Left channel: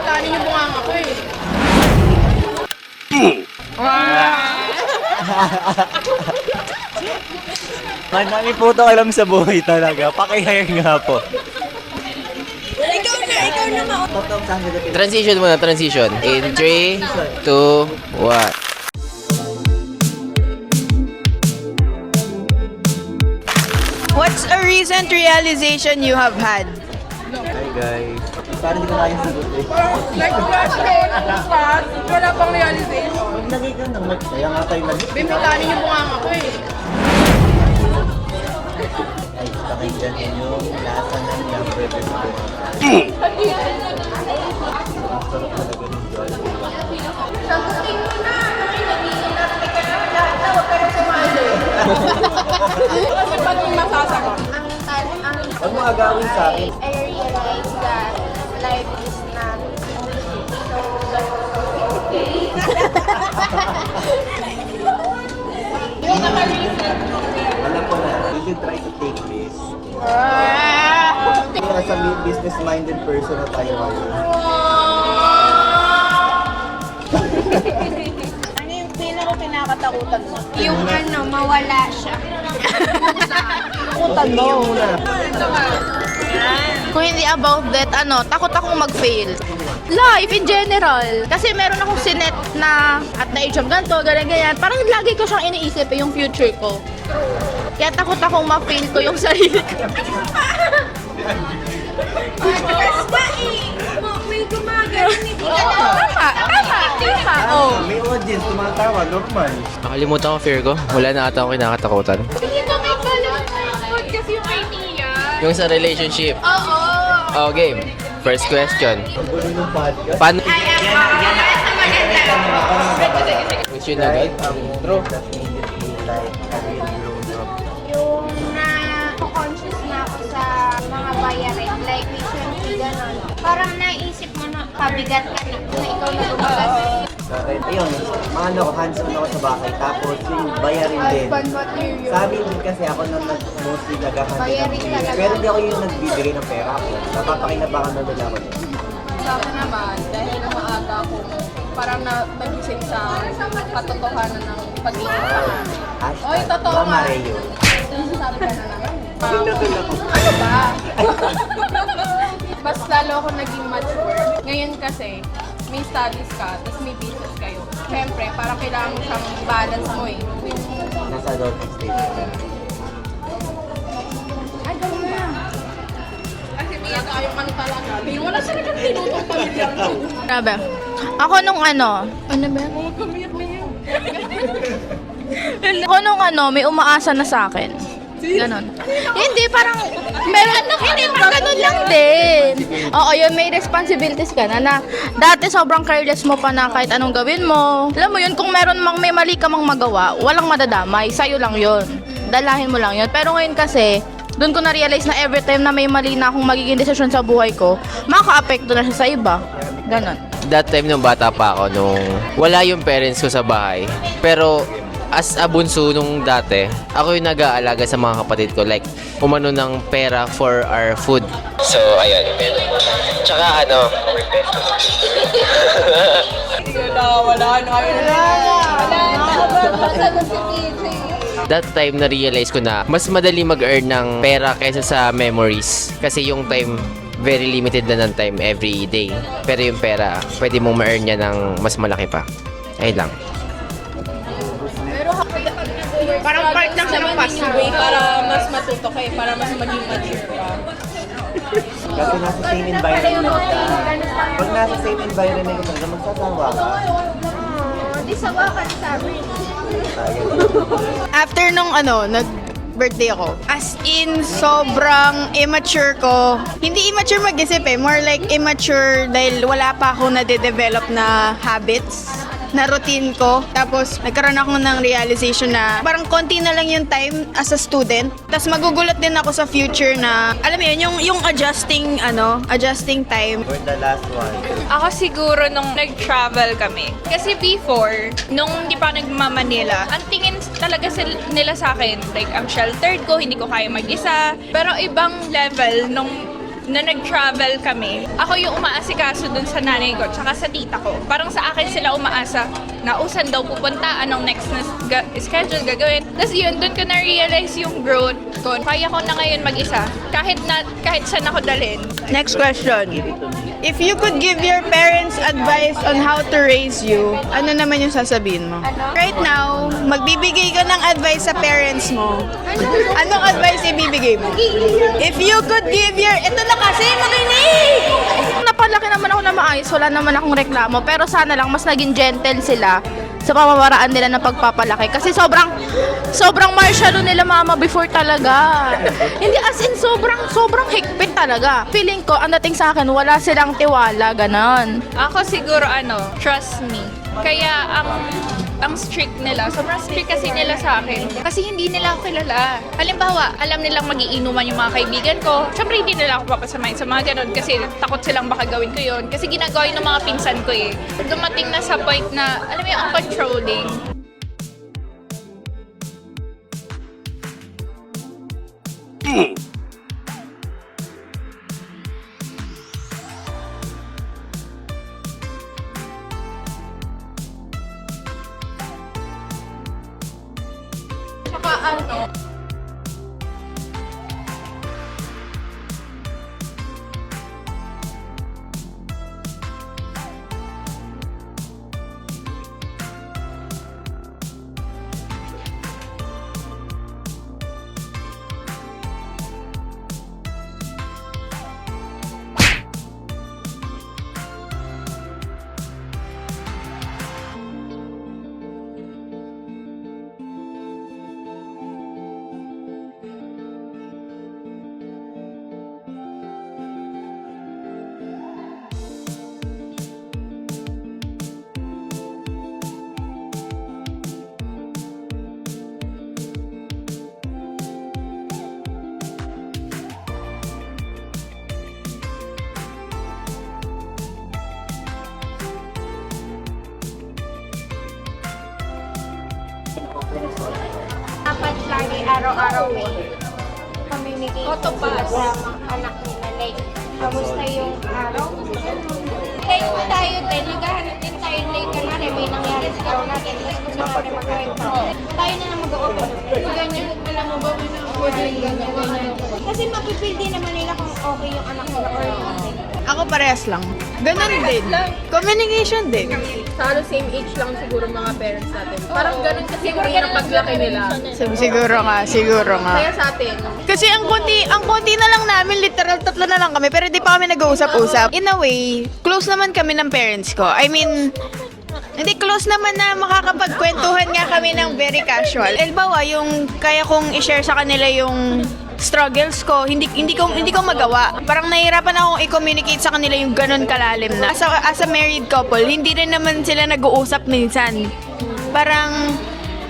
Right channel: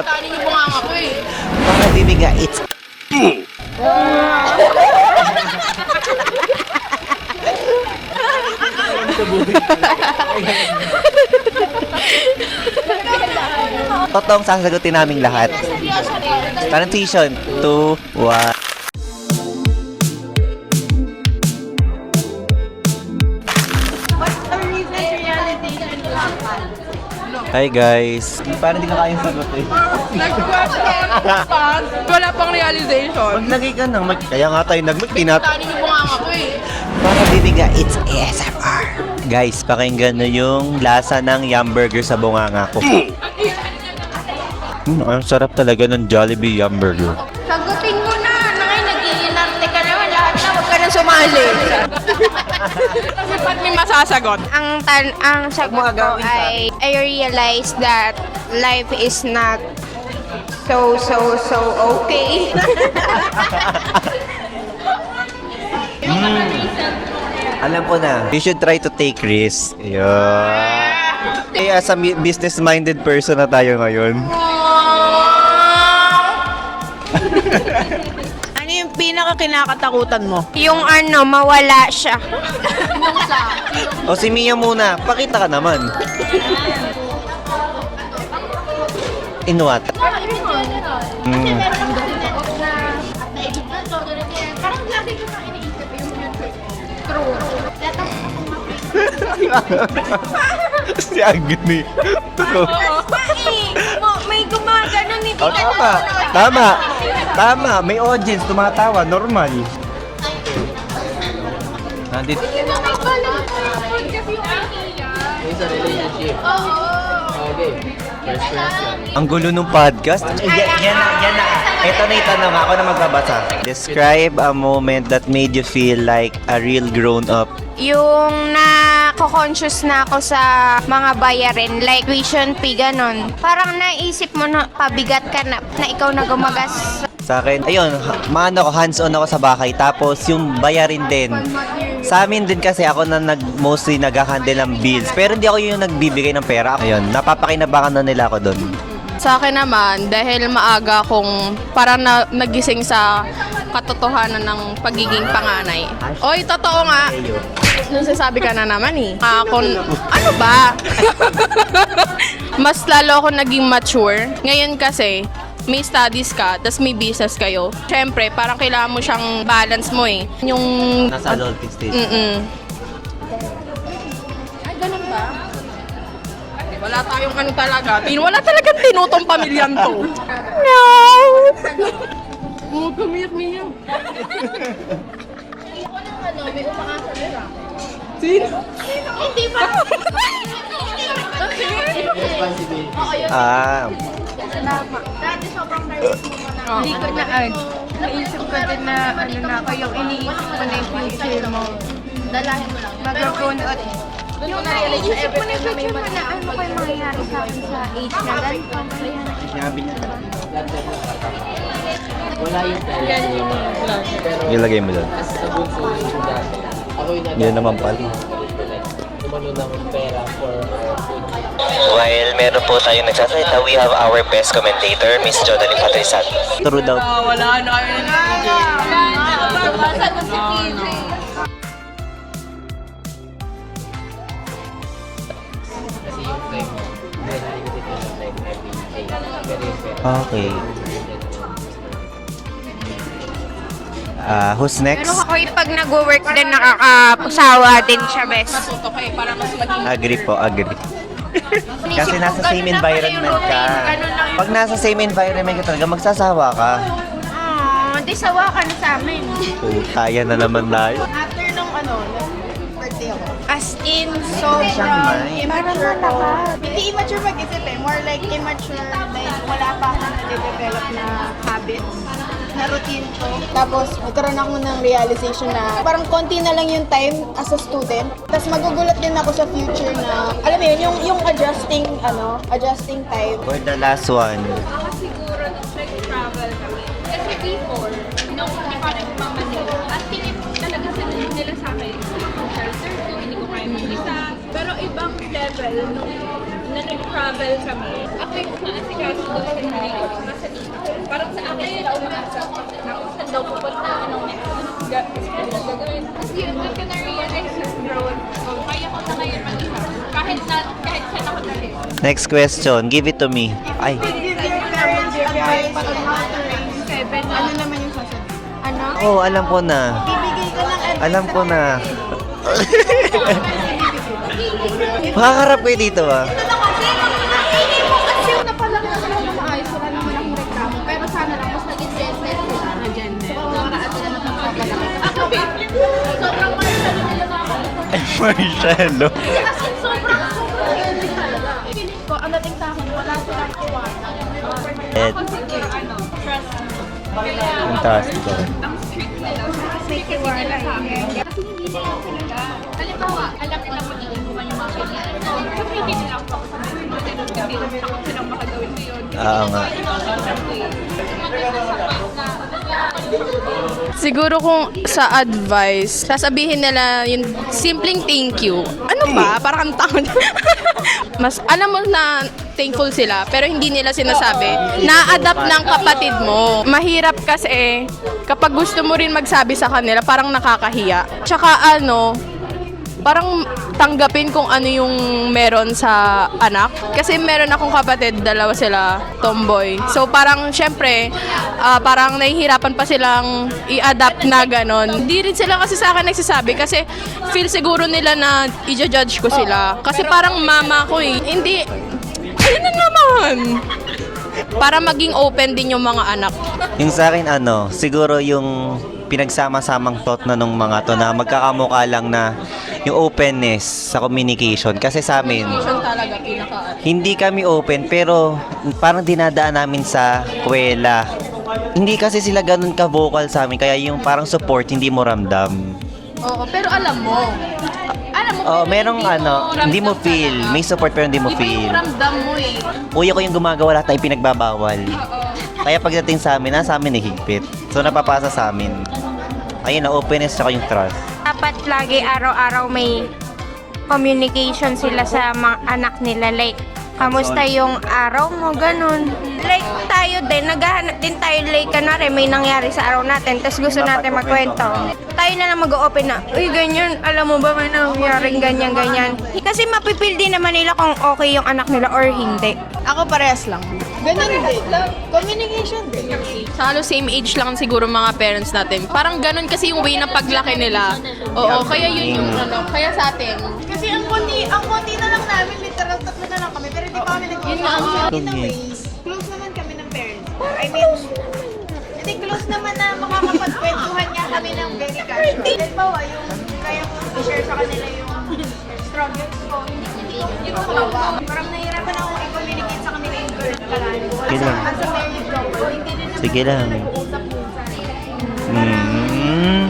Kanin yung bunga nga ko eh. Baka bibiga, it's... Marami po ito alam sa buhay talaga. Pakihayin nga po. Ikaw na mo. Totoong sasagutin namin Transition lahat. muna, transition. In 3, Transition. 2, 1. What's a recent realization you have had? Hi guys. Parang hindi ka kayang sagot eh. Next question. Wala pang realization. Maglagay ka ng kaya nga tayo nag-tinap. Kanin yung bunga nga ko eh. Baka bibiga, it's ASMR. Guys, pakinggan nyo yung lasa ng Yum Burger sa bunganga ko. Ang sarap talaga ng Jollibee Yum Burger. Sagutin ko na. Nag-iinarte ka naman. Lahat na huwag ka nang sumali. Kasi ba't may masasagot? Ang sagot ko ay I realized that life is not so okay. Alam ko na. You should try to take risks. Yeah. Kaya as a business-minded person na tayo ngayon. Ano yung pinaka-kinakatakutan mo? Yung mawala siya. O si Mia muna, pakita ka naman. Kung hindi about that, takot akong mag-fail. In what? Life in general. Kasi meron akong sinet na at the age of ganito, ganyan. Parang lagi ko siyang iniisip yung future ko. Kaya takot akong ma-fail ko yung sarili ko. Si Agit ni. May gumagano ni Tama, may audience, tumatawa, normal. Nakalimutan ko fear ko. Wala na ata akong kinakatakutan. Kasi yung idea. Yung sa relationship. Oo. Okay, first question. Ang gulo ng podcast. Paano- Yan na. Ito na itanong ako na magbabasa. Describe a moment that made you feel like a real grown-up. Yung na-conscious na ako sa mga bayarin, like tuition fee, ganon. Parang naisip mo na pabigat ka na ikaw na gumagas. Sa akin, ayun, hands-on ako sa bahay. Tapos yung bayarin din. Sa amin din kasi ako na mostly nag-handle ng bills. Pero hindi ako yung nagbibigay ng pera. Ayun, napapakinabangan na nila ako doon. Sa akin naman, dahil maaga akong parang nagising sa katotohanan ng pagiging panganay. Oy, totoo nga. Sasabi ka na naman eh. Ako, ano ba? Mas lalo ako naging mature. Ngayon kasi, may studies ka, tas may business kayo. Siyempre, parang kailangan mo siyang balance mo eh. Yung... Nasa adulting stage. Wala tayong ano talaga. Wala talagang tinutong pamilyang to. Grabe. Ako nung Ako nung may umaasa na sa akin. Ganon. Hindi, parang, meron, hindi, parang ganun lang din. Oo, yun, may responsibilities ka na dati sobrang careless mo pa na kahit anong gawin mo. Alam mo yun, kung meron may mali ka mang magawa, walang madadamay, sa'yo lang yun. Dalahin mo lang yun. Pero ngayon kasi, doon ko na-realize na every time na may mali na akong magiging desisyon sa buhay ko, makaka-apekto na siya sa iba. Ganon. That time nung bata pa ako, nung wala yung parents ko sa bahay. Pero Ilagay mo doon. as a bunso nung dati, ako yung nag-aalaga sa mga kapatid ko. Like, umano ng pera for our food. Sa buhay, meron po tayo nagsasabi of our best commentator, Miss Jordan Catesan. True daw. Wala na kayo That time, na-realize ko na mas madali mag-earn ng pera kaysa sa memories. Kasi yung time, very limited na ng time every day. Pero yung pera, pwede mong ma-earn niya ng mas malaki pa. Ayun lang. Who's next? Pero ako yung pag nag-work din nakakasawa din siya, Mas bes. matuto kayo para mas maging... Agree po, agree. Kasi nasa same environment ka. Pag nasa same environment ka talaga, magsasawa ka. Di sawa ka na sa amin. Kaya na naman tayo. After nung birthday ako. As in, sobrang immature ko. Hindi immature mag-isip eh. More like immature dahil wala pa ako na-develop na habits, na routine ko. Tapos, nagkaroon ako ng realization na parang konti na lang yung time as a student. Tapos magugulat din ako sa future na, alam mo yun, yung adjusting time. For the last one. Ako siguro nung nag-travel kami. Kasi before, nung hindi pa nagmamanila, ang tingin talaga nila sa akin, like, ang sheltered ko, hindi ko kaya mag-isa. Pero ibang level nung na nag-travel kami, ako yung umaasikaso dun sa nanay ko tsaka sa tita ko. Parang sa akin sila umaasa na usan daw pupunta, anong next na schedule gagawin. Tapos yun, dun ko na-realize yung growth ko. Kaya ko na ngayon mag-isa. Kahit saan ako dalhin. Next Next question. question. Give it to me. If you could give your parents advice on how to raise you, ano naman yung sasabihin mo? Ano? Right Oh, alam now, ko na. magbibigay ka ng advice Alam sa ko na. parents mo. Anong advice ibibigay mo? If you Makaharap could kayo give dito, your... ah. Ito na kasi, narinig! Kasi napalaki naman ako na maayos, wala naman akong reklamo. Pero sana lang mas naging gentle sila sa pamamaraan nila ng pagpapalaki. Kasi sobrang martial nila mama before talaga. Hindi, as in sobrang higpit talaga. Feeling ko, ang dating sa akin, wala silang tiwala, ganon. Ako siguro trust me. Kaya ako, ang strict nila. Sobrang strict kasi nila sa akin. Kasi hindi nila ako kilala. Halimbawa, alam nilang magiinuman yung mga kaibigan ko. Siyempre, hindi nila ako papasamahin sa mga ganun kasi takot silang baka gawin ko yun. Kasi ginagawa yun ng mga pinsan ko eh. Dumating na sa point na, alam mo yung ang controlling. Siguro kung sa advice, sasabihin nila yung simpleng thank you. Ano ba? Parang ang takot. Mas alam mo na thankful sila, pero hindi nila sinasabi. Na-adapt ng kapatid mo. Mahirap kasi kapag gusto mo rin magsabi sa kanila, parang nakakahiya. Tsaka parang tanggapin kung ano yung meron sa anak. Kasi meron akong kapatid, dalawa sila, tomboy. So parang syempre, parang nahihirapan pa silang i-adapt na ganon. Hindi rin sila kasi sa akin nagsasabi kasi feel siguro nila na i-judge ko sila. Kasi parang mama ko eh. Hindi, ano naman? Para maging open din yung mga anak. Yung sa akin, siguro yung pinagsama-samang thought na nung mga to na magkakamukha lang na yung openness sa communication. Kasi sa amin, hindi kami open pero parang dinadaan namin sa kwela. Hindi kasi sila ganun ka-vocal sa amin kaya yung parang support hindi mo ramdam. Oo, pero alam mo. Oh, merong hindi mo feel. May support pero hindi mo Iba feel. yung ramdam mo eh. Kuya ko yung gumagawa lahat na ipinagbabawal. Kaya pagdating sa amin, nasa amin higpit. So napapasa sa amin. Ayun na, openness sa yung trust. Dapat lagi araw-araw may communication sila sa mga anak nila. Like, kamusta yung araw mo, ganun. Like, tayo din, naghahanap din tayo, like, kanari, may nangyari sa araw natin, tapos gusto natin magkwento. Tayo na lang mag-open na, uy, ganyan, alam mo ba may nangyaring ganyan. Kasi mapipil din naman nila kung okay yung anak nila or hindi. Ako parehas lang. Ganun din. Communication din. Halos same age lang siguro mga parents natin. Parang ganun kasi yung way ng paglaki nila. Siguro nga, siguro nga. Kaya sa atin, Kasi ang konti na lang namin, literal 3 na lang kami, pero di pa kami nag-uusap-usap. In a way, close naman kami ng parents ko. I mean, hindi close naman na makakapagkwentuhan nga kami ng very casual. Halimbawa, yung kaya kong i-share sa kanila yung struggles ko, hindi ko magawa. Parang nahihirapan akong i-communicate sa kanila yung ganun kalalim na. As a married couple, hindi rin naman Sige sila lang. nag-uusap minsan. Parang,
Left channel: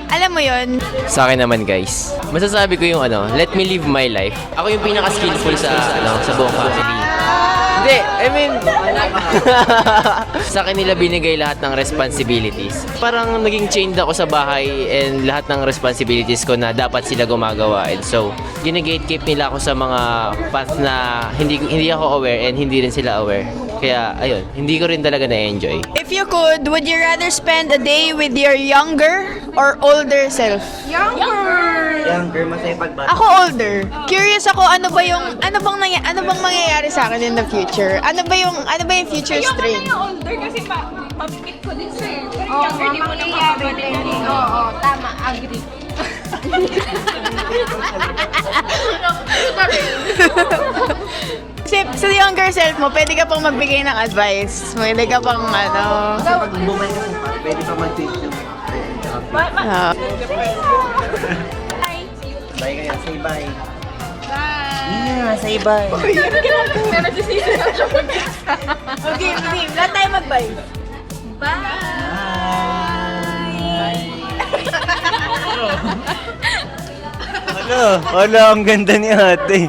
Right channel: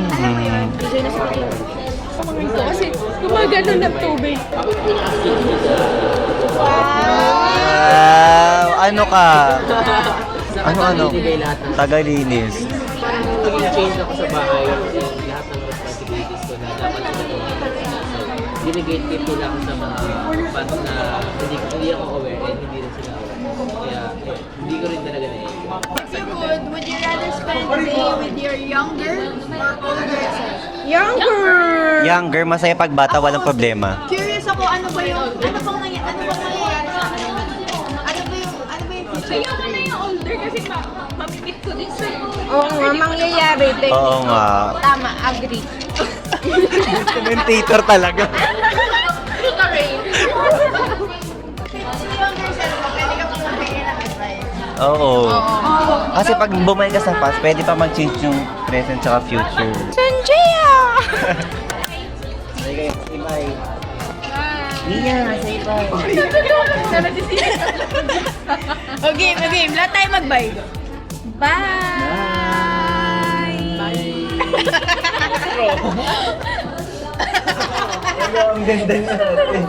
alam mo yun, Sa akin naman guys, masasabi ko yung let me live my life. Ako yung pinaka-skillful sa buong family. Hindi, I mean, Ano ka? sa kanila binigay lahat ng responsibilities. Parang naging change ako sa bahay and lahat ng responsibilities ko na dapat sila gumagawa. And so, ginagatekeep nila ako sa mga path na hindi ako aware and hindi rin sila aware. Kaya, ayun, hindi ko rin talaga na-enjoy. if you could, would you rather spend a day with your younger or older self? Younger, masaya pag bata, Ako walang older. problema. Curious ako ano bang mangyayari sa akin in the future? Ano ba yung future stream? older kasi mapipit ko din sa'yo. Oo, mangyayari din. Oo nga. Tama, agree. Commentator talaga. Kasi sa younger self mo, pwede ka pang magbigay ng advice. Pwede ka Oo. pang Kasi pag bumalik ka sa past, pwede pa mag-change yung present tsaka future. Bye kayo, say bye. Nina, say bye. Okay. Lahat tayo mag-bye. Ano? Wala, ang ganda niya ate.